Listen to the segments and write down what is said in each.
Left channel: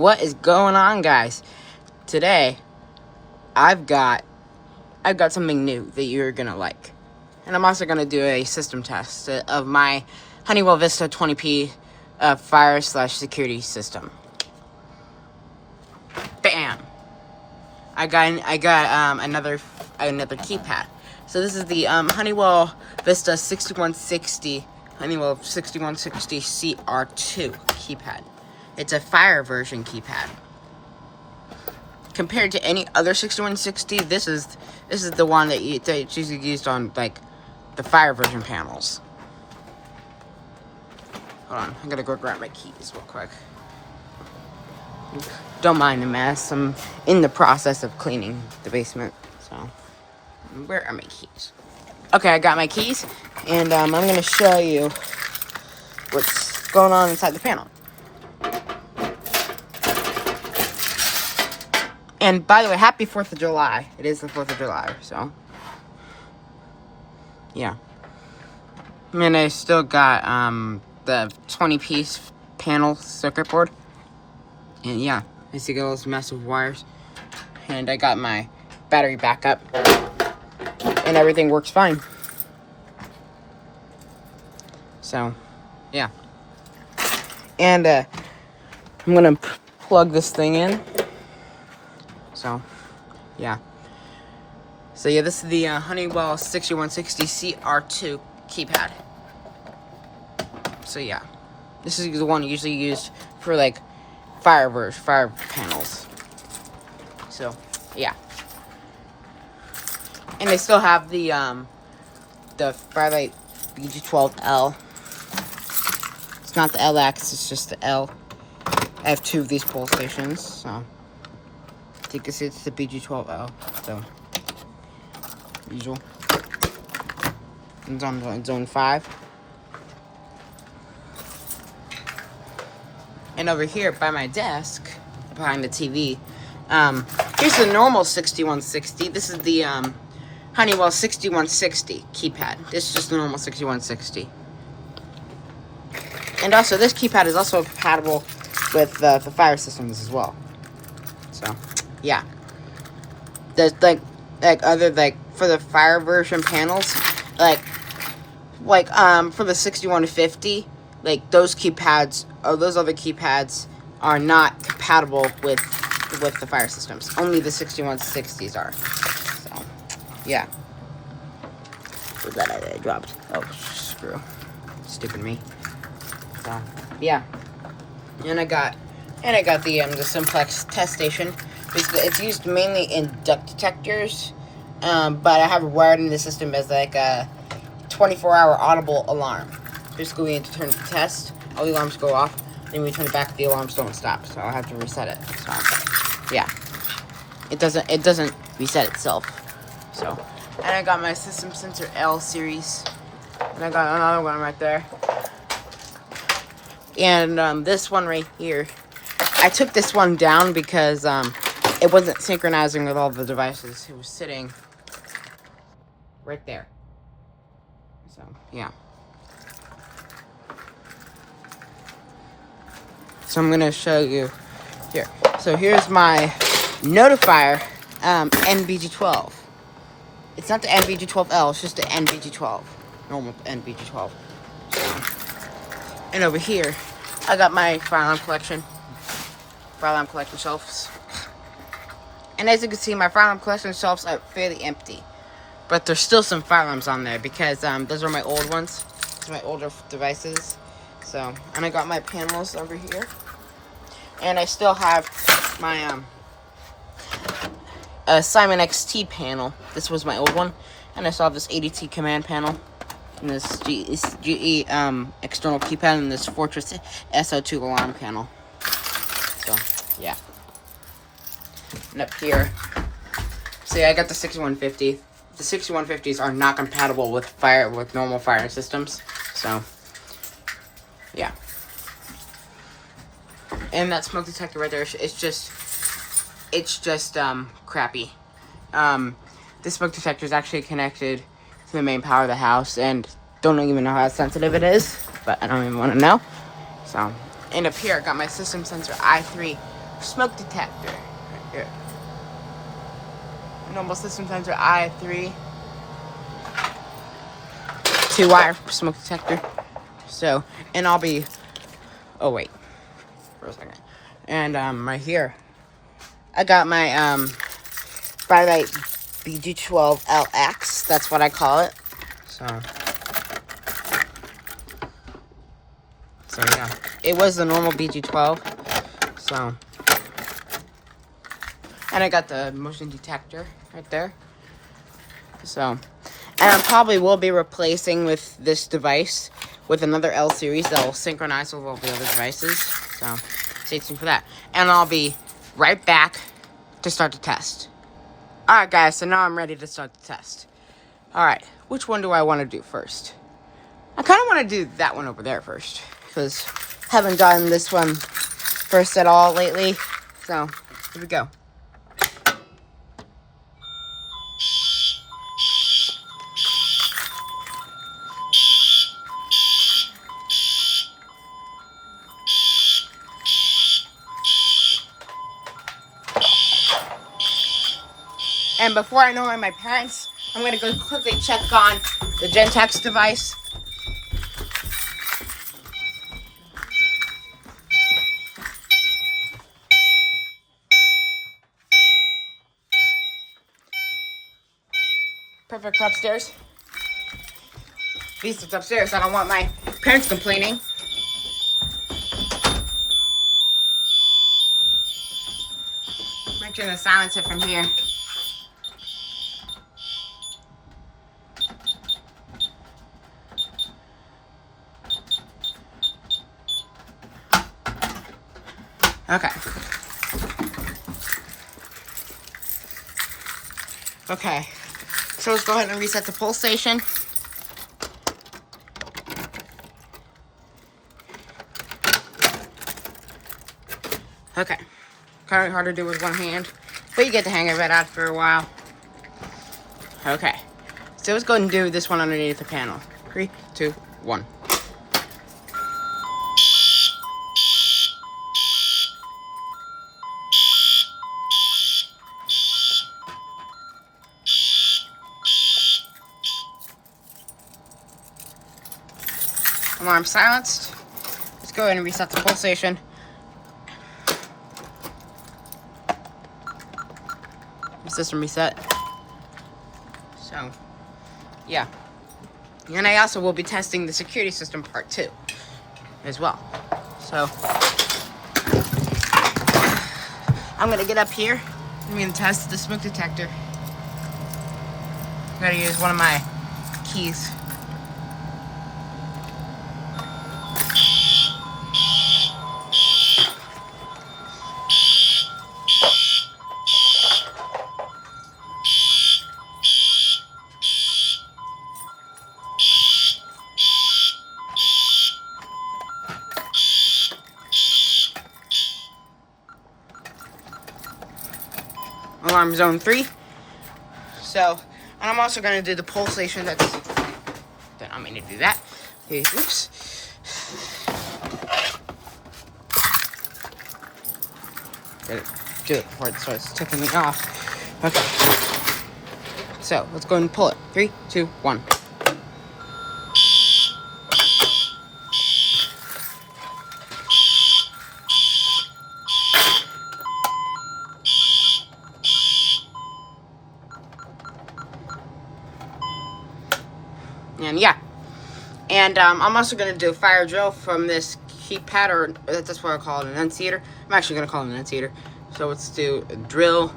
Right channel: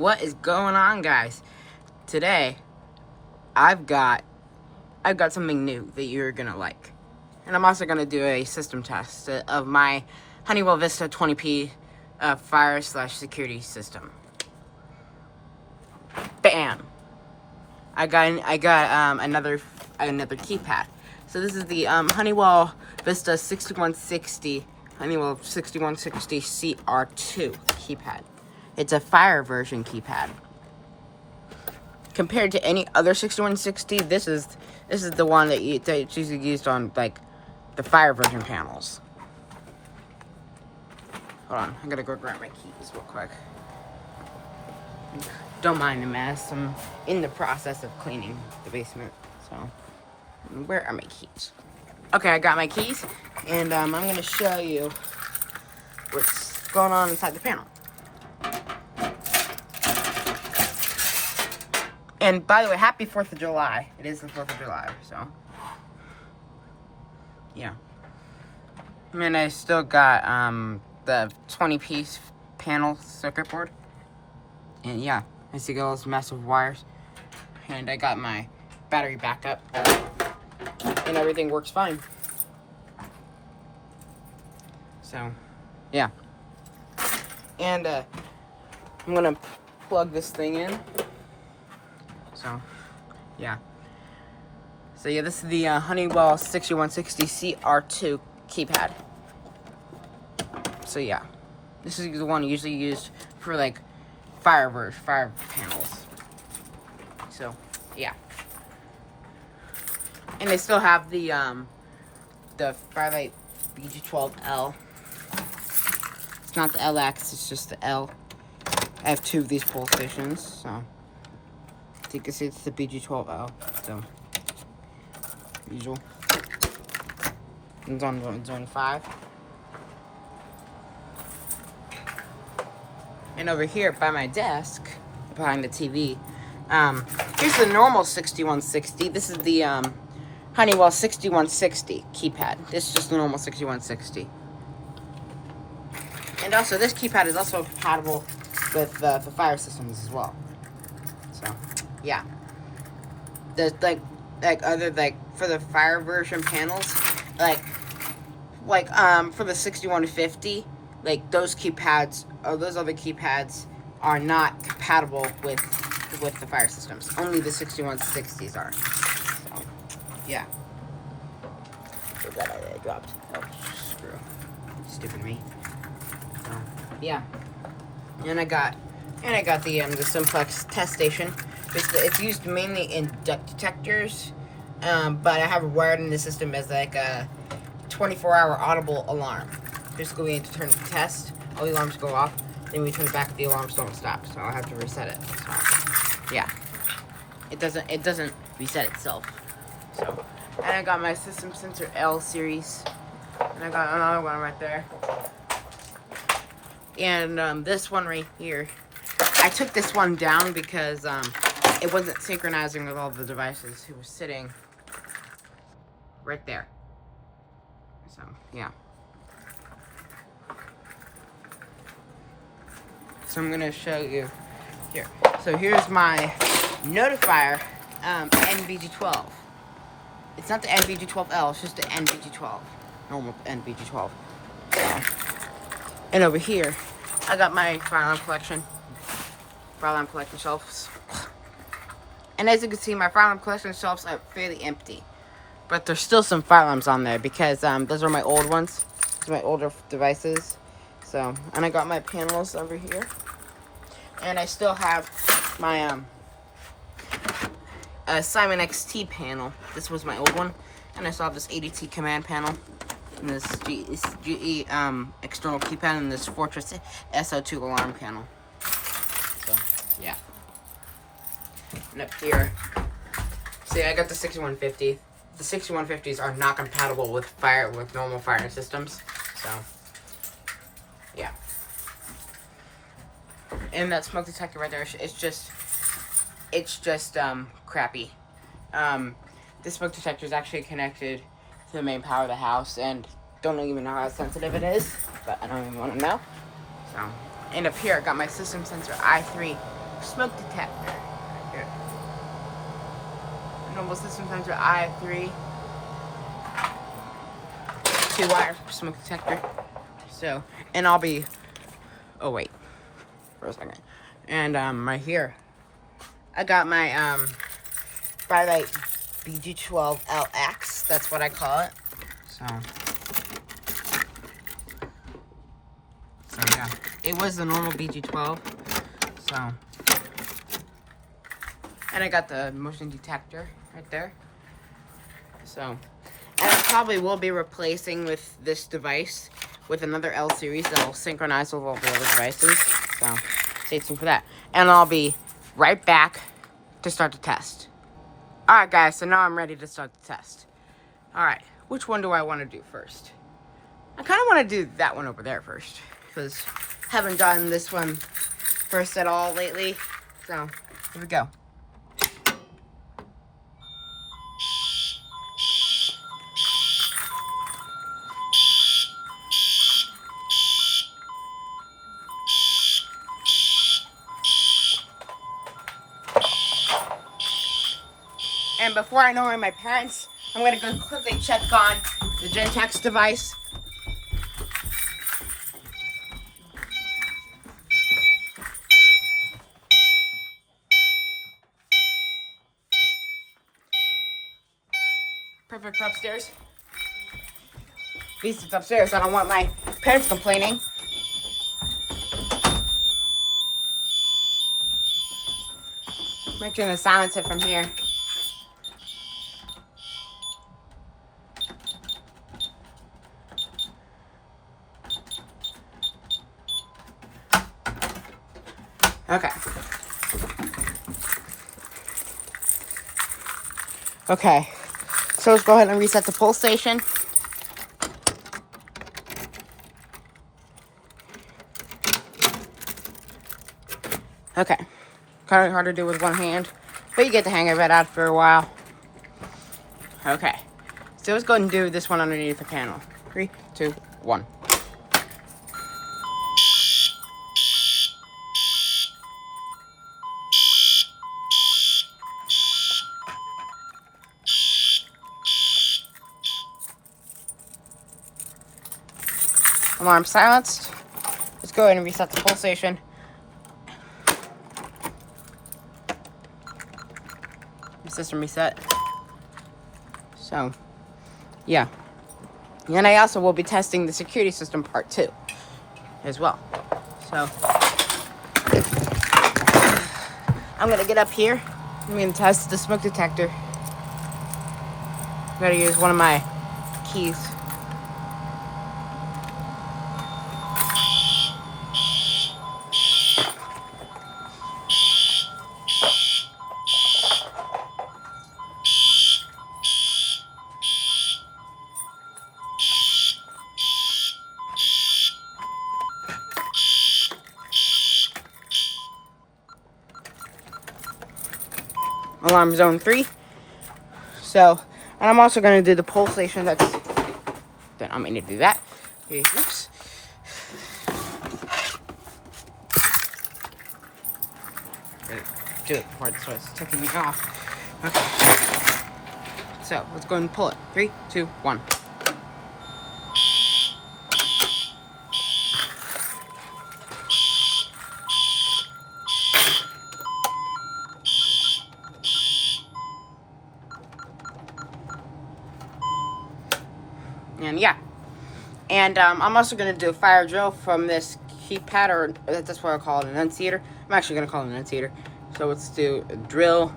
What is going on, guys? Today, I've got something new that you're gonna like, and I'm also gonna do a system test of my Honeywell Vista 20p fire/security system. Bam! I got another keypad. So this is the Honeywell Vista 6160 Honeywell 6160 CR2 keypad. It's a fire version keypad. Compared to any other 6160, this is the one that's usually used on like the fire version panels. Hold on, I'm gonna go grab my keys real quick. Don't mind the mess. I'm in the process of cleaning the basement. So, where are my keys? Okay, I got my keys, and I'm gonna show you what's going on inside the panel. And by the way, happy 4th of July. It is the 4th of July, so. Yeah. And I still got the 20-piece panel circuit board. And yeah, I see all those massive wires. And I got my battery backup. And everything works fine. So, yeah. And I'm gonna plug this thing in. So, yeah. So, yeah, this is the Honeywell 6160 CR2 keypad. So, yeah. This is the one usually used for, like, fire panels. So, yeah. And they still have the Firelight BG12L. It's not the LX, it's just the L. I have 2 of these pole stations, so. You can see it's the BG12L, so usual. It's on zone 5. And over here by my desk, behind the TV, here's the normal 6160. This is the Honeywell 6160 keypad. This is just the normal 6160. And also, this keypad is also compatible with the fire systems as well. So. Yeah, there's like other for the fire version panels, like for the 6150, like those keypads or those other keypads are not compatible with the fire systems. Only the 6160s are. So, yeah. So that I dropped. Oh, screw. Stupid me. So, yeah. And I got the simplex test station. It's used mainly in duct detectors, but I have it wired in the system as like a 24-hour audible alarm. Basically, we need to turn it to test. All the alarms go off. Then we turn it back. The alarms don't stop, so I'll have to reset it. So, yeah, it doesn't reset itself. So, and I got my system sensor L series, and I got another one right there, and this one right here. I took this one down because it wasn't synchronizing with all the devices. It was sitting right there. So, yeah. So I'm going to show you here. So here's my notifier NVG12. It's not the NVG12L, it's just the NVG12. Normal NVG12. So, and over here, I got my fire alarm collection shelves. And as you can see, my fire alarm collection shelves are fairly empty. But there's still some fire alarms on there because those are my old ones. These are my older devices. So, and I got my panels over here. And I still have my Simon XT panel. This was my old one. And I still have this ADT command panel. And this GE external keypad and this Fortress SO2 alarm panel. So, yeah. And up here, see, I got the 6150. The 6150s are not compatible with normal fire systems. So, yeah. And that smoke detector right there, it's just crappy. This smoke detector is actually connected to the main power of the house, and don't even know how sensitive it is, but I don't even want to know. So, and up here, I got my system sensor i3 smoke detector right here. Normal system sensor I3. 2-wire smoke detector. So, and I'll be, oh wait, for a second. And right here, I got my Firelight BG12LX. That's what I call it. So yeah, it was the normal BG12. So, and I got the motion detector right there. So, and I probably will be replacing with this device with another L series that will synchronize with all the other devices. So, stay tuned for that. And I'll be right back to start the test. Alright guys, so now I'm ready to start the test. Alright, which one do I want to do first? I kind of want to do that one over there first, because I haven't done this one first at all lately. So, here we go. And before I annoy my parents, I'm going to go quickly check on the Gentex device. Perfect upstairs. Vista's upstairs. I don't want my parents complaining. Make sure to silence it from here. Okay. Okay. So let's go ahead and reset the pull station. Okay. Kind of hard to do with one hand, but you get the hang of it after a while. Okay. So let's go ahead and do this one underneath the panel. 3, 2, 1. Alarm silenced. Let's go ahead and reset the pull station. System reset. So, yeah. And I also will be testing the security system part 2 as well. So, I'm going to get up here. I'm going to test the smoke detector. I'm going to use one of my keys. Alarm zone 3. So, and I'm also going to do the pull station that's... Okay, I'm going to do that. Okay, oops. Gotta do it before it starts ticking me off. Okay. So, let's go ahead and pull it. 3, 2, 1. And yeah. And I'm also going to do a fire drill from this keypad, or that's what I call it, an enunciator. I'm actually going to call it an enunciator. So let's do a drill.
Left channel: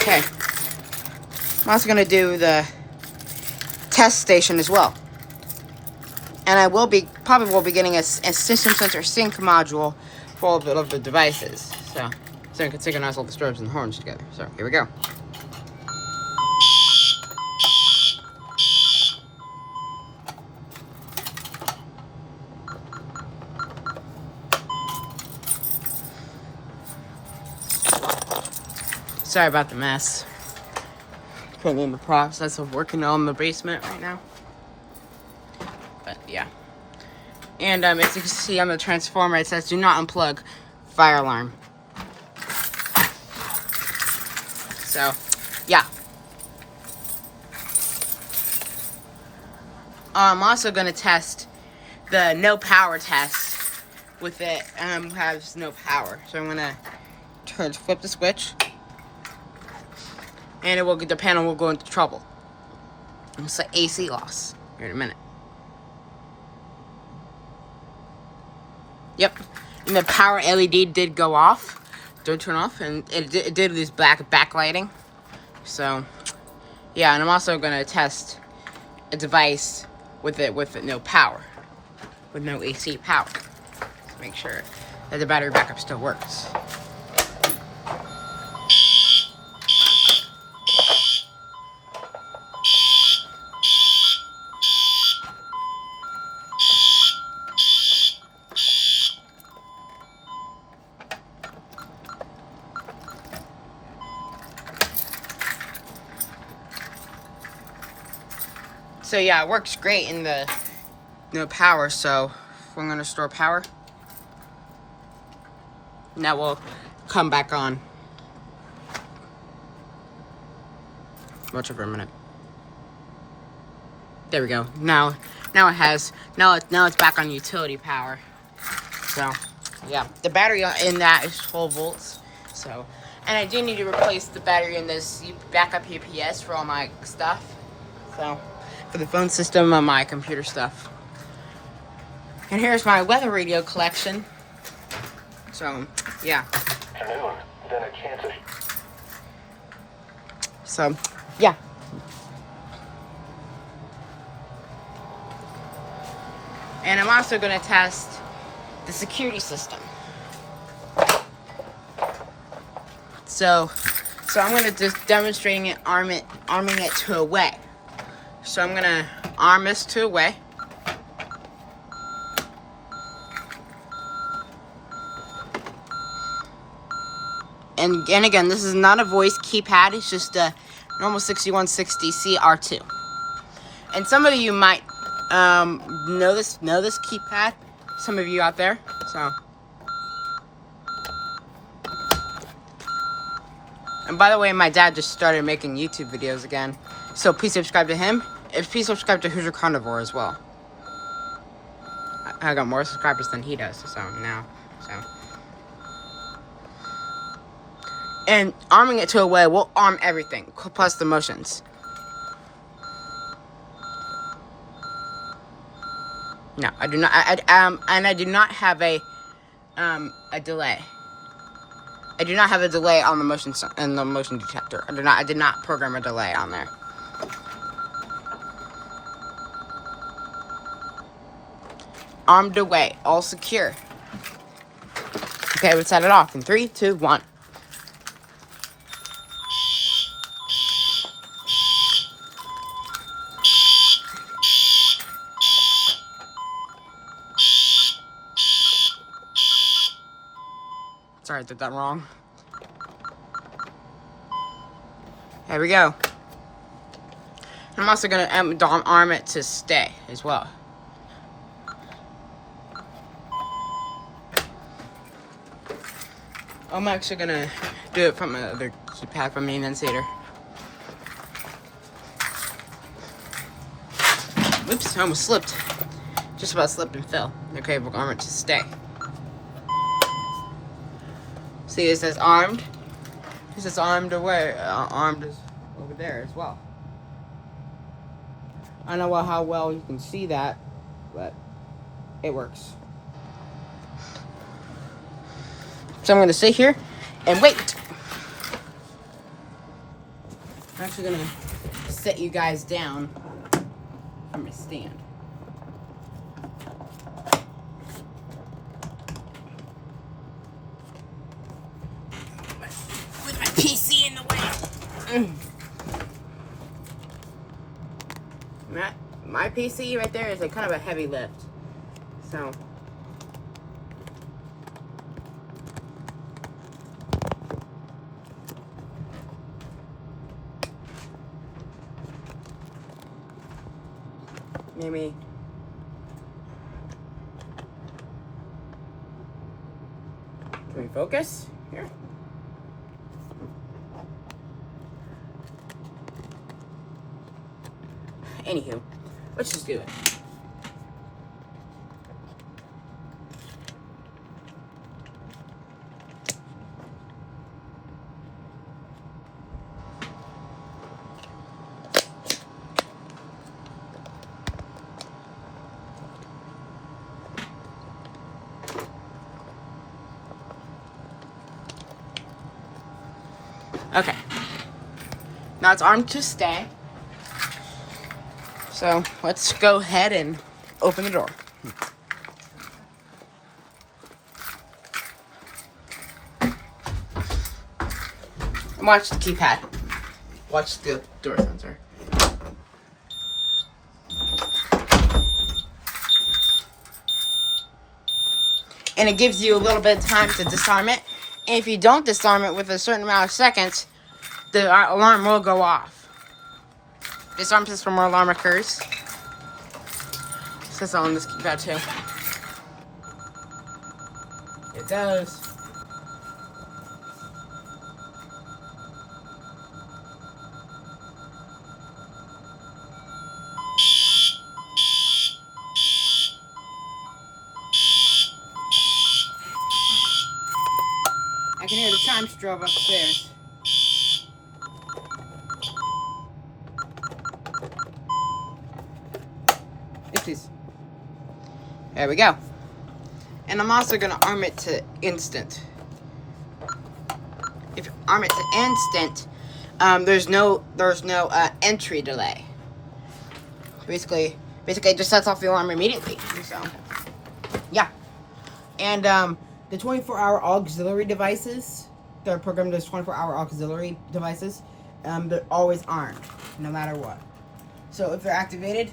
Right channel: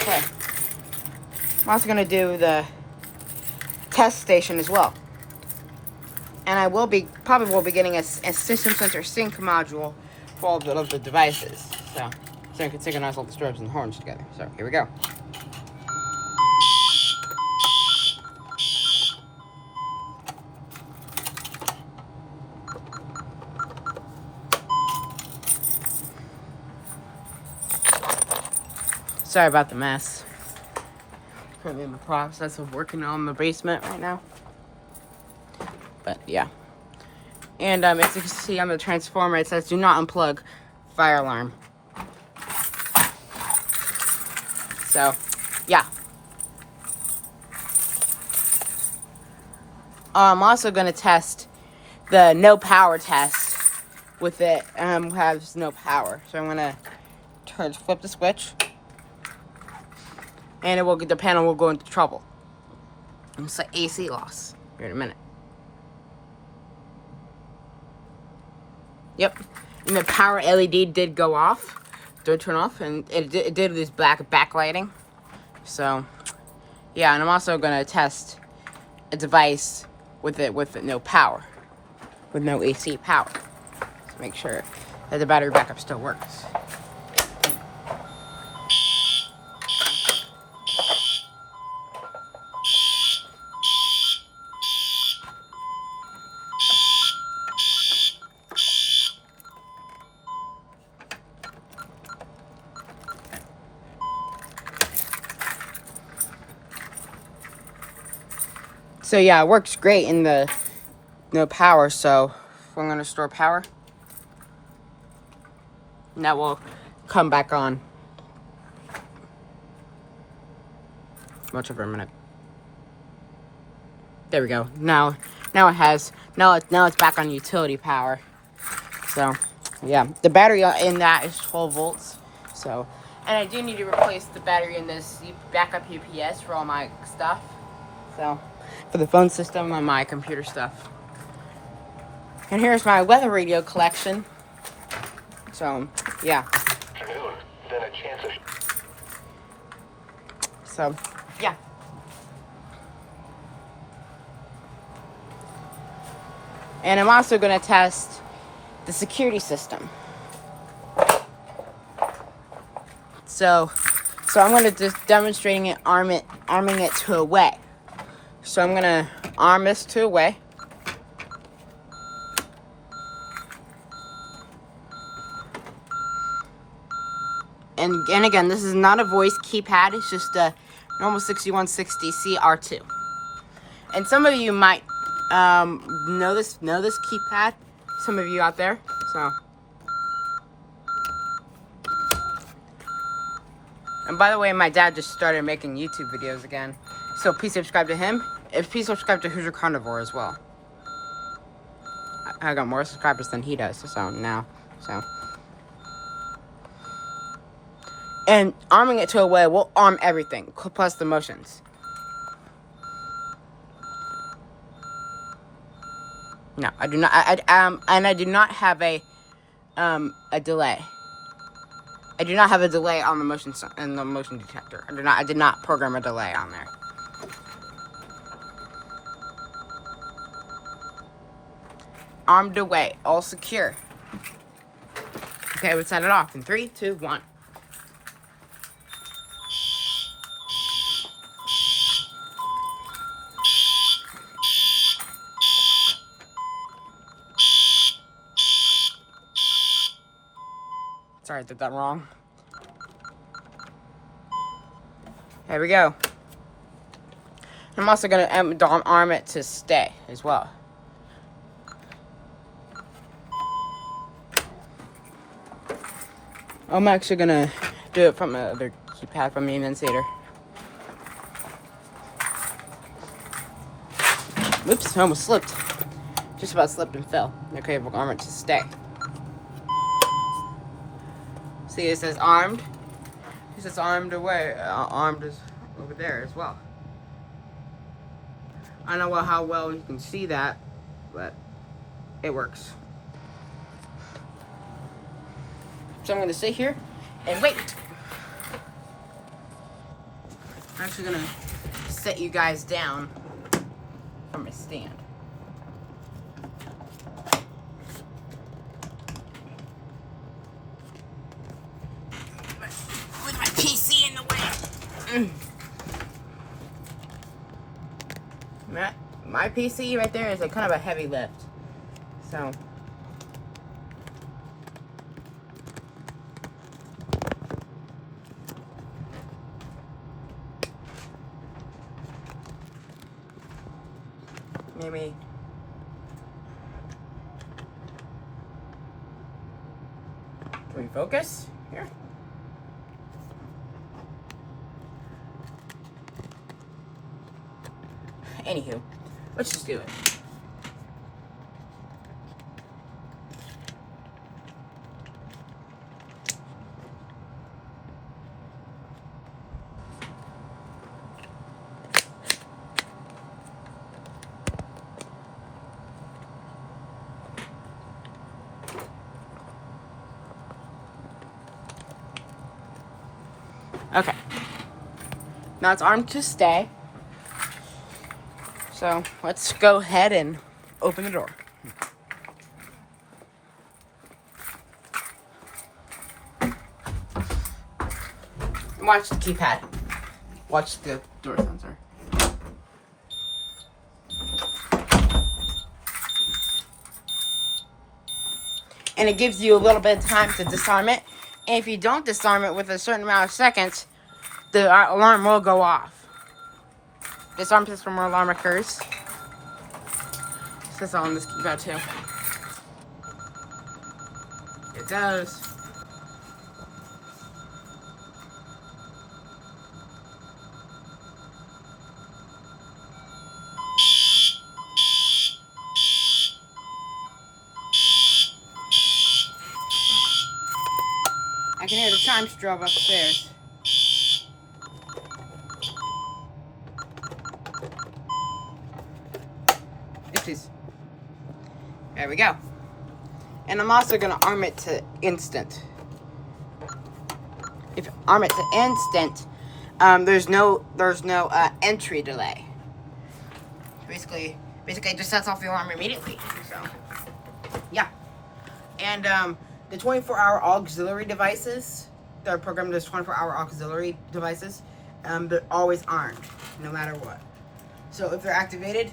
Okay. I'm also going to do the test station as well. And I probably will be getting a system sensor sync module for all of the devices. So I can synchronize all the strobes and horns together. So here we go. Sorry about the mess. Putting in the process of working on the basement right now. But yeah. And as you can see on the transformer, it says do not unplug fire alarm. So, yeah. I'm also going to test the no power test with it. Has no power. So I'm going to flip the switch. And the panel will go into trouble. It's like AC loss. Here in a minute. Yep. And the power LED did go off. Did turn off. And it did this black backlighting. So, yeah. And I'm also going to test a device with no power. With no AC power. To make sure that the battery backup still works. So yeah, it works great in the no power. So I'm going to store power. And that will come back on. Much over a minute. There we go. Now it's back on utility power. So yeah, the battery in that is 12 volts. So, and I do need to replace the battery in this backup UPS for all my stuff. So, for the phone system and my computer stuff. And here's my weather radio collection. So, yeah. Then a chance of... So, yeah. And I'm also going to test the security system. So I'm going to just demonstrating it, arming it to a way. So I'm going to arm this to a way. And again, this is not a voice keypad. It's just a normal 6160 CR2. And some of you might know this keypad. Some of you out there. So. And by the way, my dad just started making YouTube videos again. So please subscribe to him. And please subscribe to Who's Your Carnivore as well. I got more subscribers than he does. So now. So. And arming it to a way, we'll arm everything, plus the motions. No, I do not. And I do not have a delay. I do not have a delay on the motion and the motion detector. I did not program a delay on there. Armed away, all secure. Okay, let's set it off in 3, 2, 1. Sorry, I did that wrong. There we go. I'm also going to arm it to stay as well. I'm actually going to do it from another keypad from the Insider. Oops, I almost slipped. Just about slipped and fell. Okay, we'll arm it to stay. See, it says armed. It says armed away. Armed is over there as well. I don't know how well you can see that, but it works. So I'm going to sit here and wait. I'm actually going to set you guys down from my stand. With my PC in the way. My PC right there is kind of a heavy lift. So. Maybe. Can we focus? Here. Anywho, let's just do it. Okay. Now it's armed to stay. So let's go ahead and open the door. And watch the keypad. Watch the door sensor. And it gives you a little bit of time to disarm it. And if you don't disarm it with a certain amount of seconds, the alarm will go off. Disarm system or alarm occurs. It says on this keypad too. It does. I can hear the chime strobe upstairs. Oopsies. There we go. And I'm also gonna arm it to instant. If you arm it to instant, there's no entry delay. Basically, it just sets off the alarm immediately. So, yeah. And the 24-hour auxiliary devices, they're programmed as 24-hour auxiliary devices. They're always armed, no matter what. So if they're activated,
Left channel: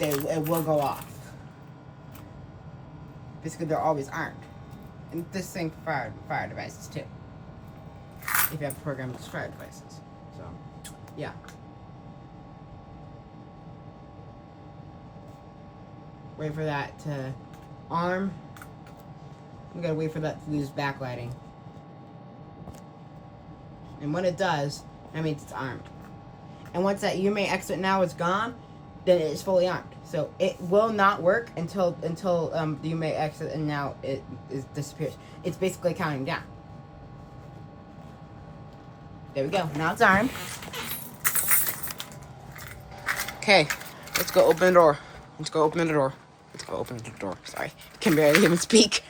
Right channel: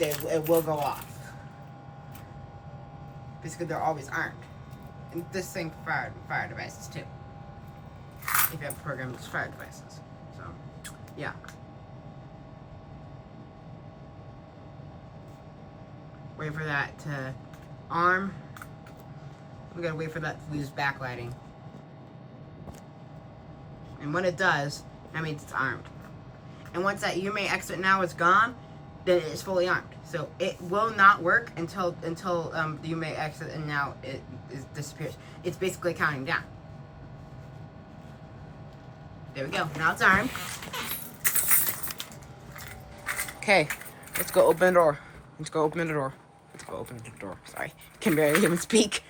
it will go off. Basically, they're always armed. And this thing for fire devices too. If you have programmed as fire devices. So, yeah. Wait for that to arm. We gotta wait for that to lose backlighting. And when it does, that means it's armed. And once that UMA exit now is gone, then it is fully armed. So it will not work until the UMA exit and now it disappears. It's basically counting down. There we go. Now it's armed. Okay, let's go open the door. Let's go open the door. Let's go open the door. Sorry, can barely even speak.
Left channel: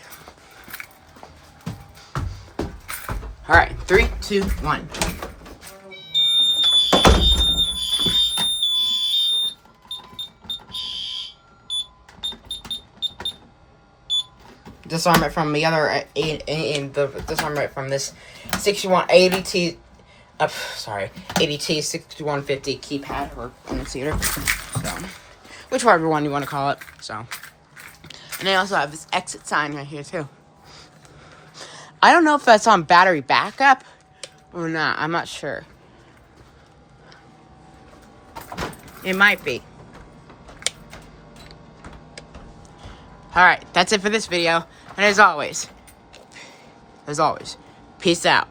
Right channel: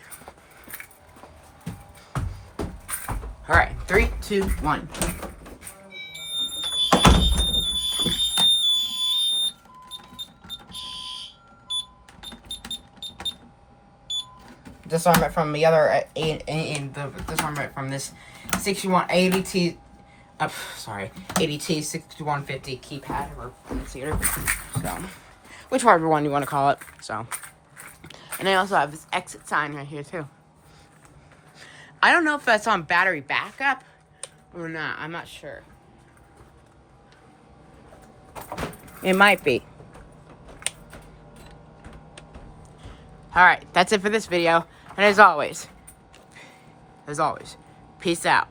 All right, 3, 2, 1. Disarm it from the other disarm it from this 6180T. Sorry, 80T 6150 keypad or annunciator. So, whichever one you want to call it. So, and I also have this exit sign right here too. I don't know if that's on battery backup or not. I'm not sure. It might be. Alright, that's it for this video. And as always, peace out.